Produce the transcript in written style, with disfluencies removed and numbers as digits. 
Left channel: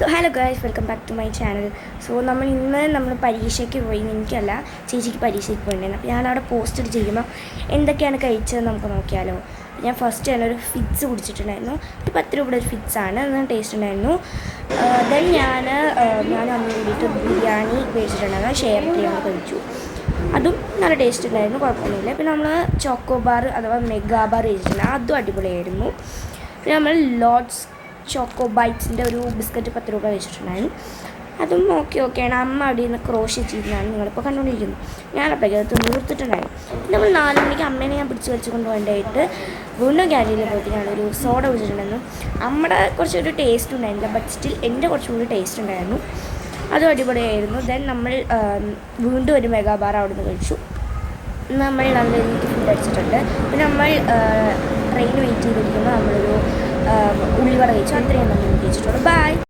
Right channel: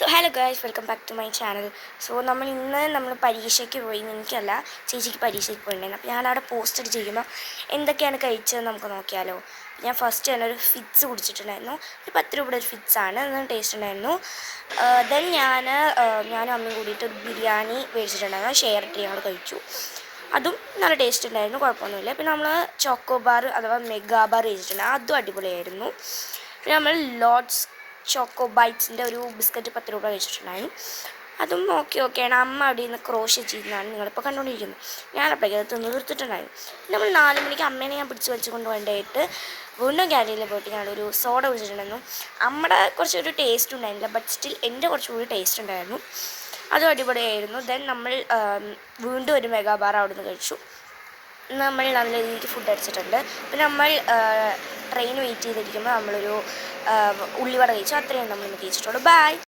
So hello guys, welcome back to my channel. So നമ്മൾ പരീക്ഷയ്ക്ക് പോയി. എനിക്കല്ല, ചേച്ചിക്ക് പരീക്ഷയ്ക്ക് പോയിട്ടുണ്ടായിരുന്നു. അപ്പോൾ ഞാനവിടെ പോസ്റ്റ് ചെയ്യുമ്പോൾ എന്തൊക്കെയാണ് കഴിച്ചതെന്ന് നമുക്ക് നോക്കിയാലോ. ഞാൻ ഫസ്റ്റ് തന്നെ ഒരു ഫിറ്റ്സ് കുടിച്ചിട്ടുണ്ടായിരുന്നു. ഒരു 10 രൂപയുടെ ഒരു ഫിറ്റ്സാണ്, നല്ല ടേസ്റ്റ് ഉണ്ടായിരുന്നു. ദെൻ ഞാൻ അമ്മ കൂടിയിട്ട് ബിരിയാണി മേടിച്ചിട്ടുണ്ടായിരുന്നു, ഷെയർ ചെയ്യാൻ കഴിച്ചു. അതും നല്ല ടേസ്റ്റ് ഉണ്ടായിരുന്നു, കുഴപ്പമൊന്നുമില്ല. പിന്നെ നമ്മൾ ചോക്കോ ബാർ അഥവാ മെഗാ ബാർ കഴിച്ചിട്ടുണ്ടായിരുന്നു, അതും അടിപൊളിയായിരുന്നു. പിന്നെ നമ്മൾ ലോഡ്സ് ചോക്കോ ബൈറ്റ്സിൻ്റെ ഒരു ബിസ്ക്കറ്റ് 10 രൂപ കഴിച്ചിട്ടുണ്ടായിരുന്നു, അതും ഓക്കെയാണ്. അമ്മ അവിടെ നിന്ന് ക്രോഷ്യ ചെയ്യുന്നതാണ് നിങ്ങളിപ്പോൾ കണ്ടുകൊണ്ടിരിക്കുന്നത്. ഞാനപ്പോഴേക്കും അത് തീർത്തിട്ടുണ്ടായിരുന്നു. നമ്മൾ 4 മണിക്ക് അമ്മേനെ ഞാൻ പിടിച്ച് വെച്ച് കൊണ്ടുപോകാനായിട്ട് വീണ്ടും ക്യാൻറ്റീനിൽ പോയിട്ട് ഞാനൊരു സോഡ കുടിച്ചിട്ടുണ്ടായിരുന്നു. അമ്മയുടെ കുറച്ചൊരു ടേസ്റ്റ് ഉണ്ടായിരുന്നില്ല, ബട്ട് സ്റ്റിൽ എൻ്റെ കുറച്ചുകൂടി ടേസ്റ്റ് ഉണ്ടായിരുന്നു, അതും അടിപൊളിയായിരുന്നു. ദെൻ നമ്മൾ വീണ്ടും ഒരു മെഗാ ബാർ അവിടെ നിന്ന് കഴിച്ചു. നമ്മൾ നല്ല രീതിക്ക് ഫുഡ് അടിച്ചിട്ടുണ്ട്. പിന്നെ നമ്മൾ ട്രെയിൻ വെയിറ്റ് ചെയ്തിരിക്കുമ്പോൾ നമ്മളൊരു ഉള്ളിവട കഴിച്ചു. അത്രയും നമ്മൾ കഴിച്ചിട്ടുള്ളൂ. ബൈ.